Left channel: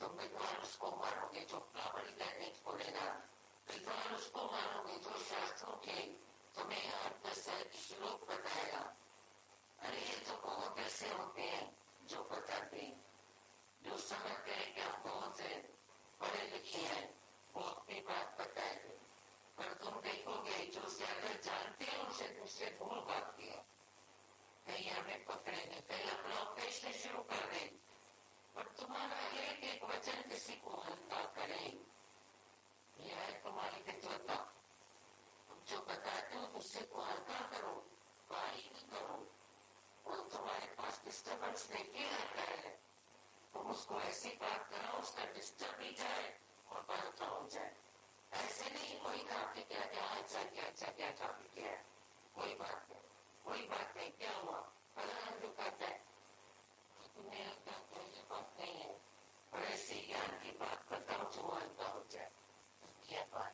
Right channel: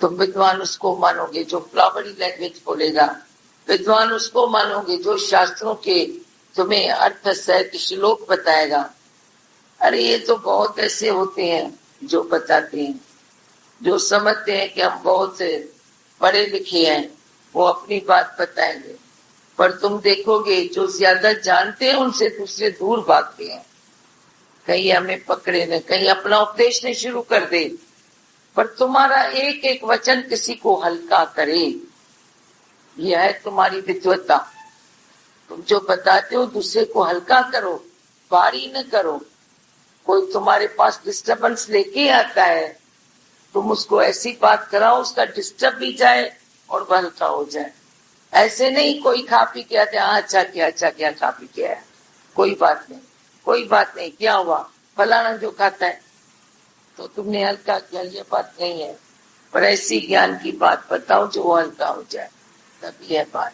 तुम विद्वान उसको मानोगे जो फ्लावरी लैंग्वेज बोलेगा, विद्वान उसको मानोगे जो शास्त्रों के तुम्हें अर्थ सहित श्लोक बताएगा। अरे ये तो बहुत ऐसे होते हैं जो बताते हैं, जो समझते हैं कि हम बहुत पढ़े लिखे हैं, वो अपनी बात बताएंगे। पर तुम देखोगे जो ज्यादा जानते हैं उनसे दूसरे दूर भागते हैं, कहीं हमें पकड़े न, कहीं अपना उपदेश नहीं शुरू कर दे। पर तुम्हारा एक एक वचन किसी को हल्का करे, यह है तुम्हारी विद्वत्ता। तुम जो बताते हो दूसरे को हल्का करो, भारी न करो। कोई तुम्हारे पास डिस्टर्बेंस लेके आता है, तुम उसको ऐसी बात कराओ उसका डिस्टर्ब भी जाए और वह हल्का हो जाए। ऐसे नहीं कोई खा पी के आते, अच्छा क्या खा पी के आया, कोई बात नहीं, कोई बात नहीं, क्या हुआ, फलाना जो खाता है तो तुमने हल्का किया, ये बात नहीं है। पर ऐसी ज्ञान की बात बताओ जो वो हल्का हो जाए, तभी है बात।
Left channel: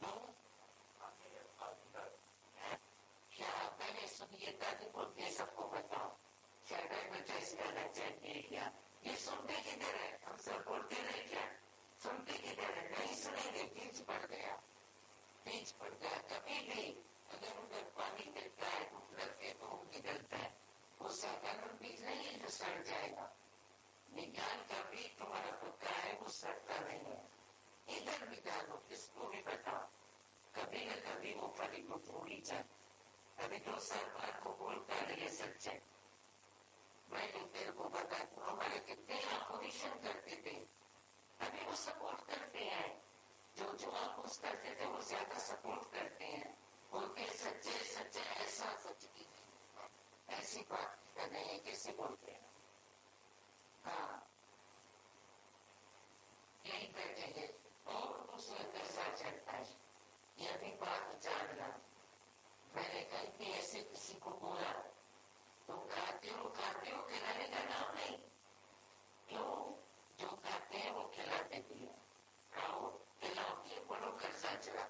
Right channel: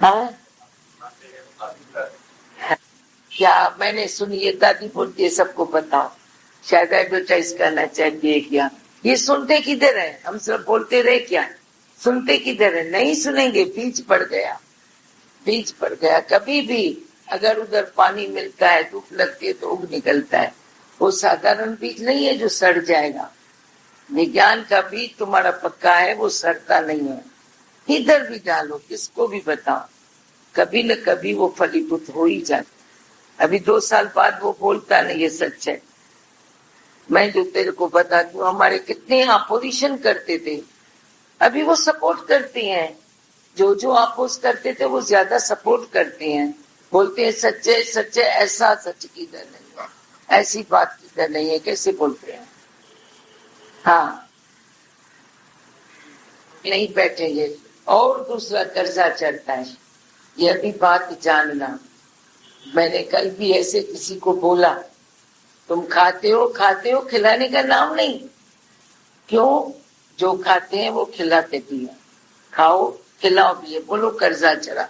हाँ क्या मैंने सुनी, ये दादी बोलती है सबको बताओ, शायद एडवर्टाइज करना चाहिए क्या। ये सुनते किधर है, हम सब बोलते रहे क्या, सुनते किधर है, नहीं सुनेंगे। बीज पड़ गया, बीज पड़ गया। कभी भी अगर उधर पानी मिलता है, धूप लगती है तो उग निकलता है। वो साधारण बीज नहीं है जो सड़ जाएगा। विज्ञान का बीज तुम्हारा पक्का है, वो सड़ता नहीं है। इधर भी डालो, किसको भी बताओ, कभी न कभी वो फलीभूत हो ही जाता। अभी 2 साल बाद वो बोलता नहीं, ये सच है। मैं जो तेरे को बताती हूँ, हमारे कितने अपोजिशन करते थे, अभी वो सपोर्ट करते हैं। जो जो अपोज करते थे वो ज्यादा सपोर्ट करते हैं, बोलते हैं सच्चे सच्चे। ऐसा सच किधर नहीं है, ऐसी बात किधर नहीं है, कैसे बोलते हैं। हाँ नहीं बैठेंगे। और दूसरा कर्जा चढ़ता है, यह भी बात जानना। मैंने कल भी ऐसे किसी को बोला, तुम खाते हो, खिलाने का नाम नहीं। क्यों, जो खाते हैं वो खिलाते भी हैं, खाओ खिलाओ भी है, बोलो कर्जा चढ़ा।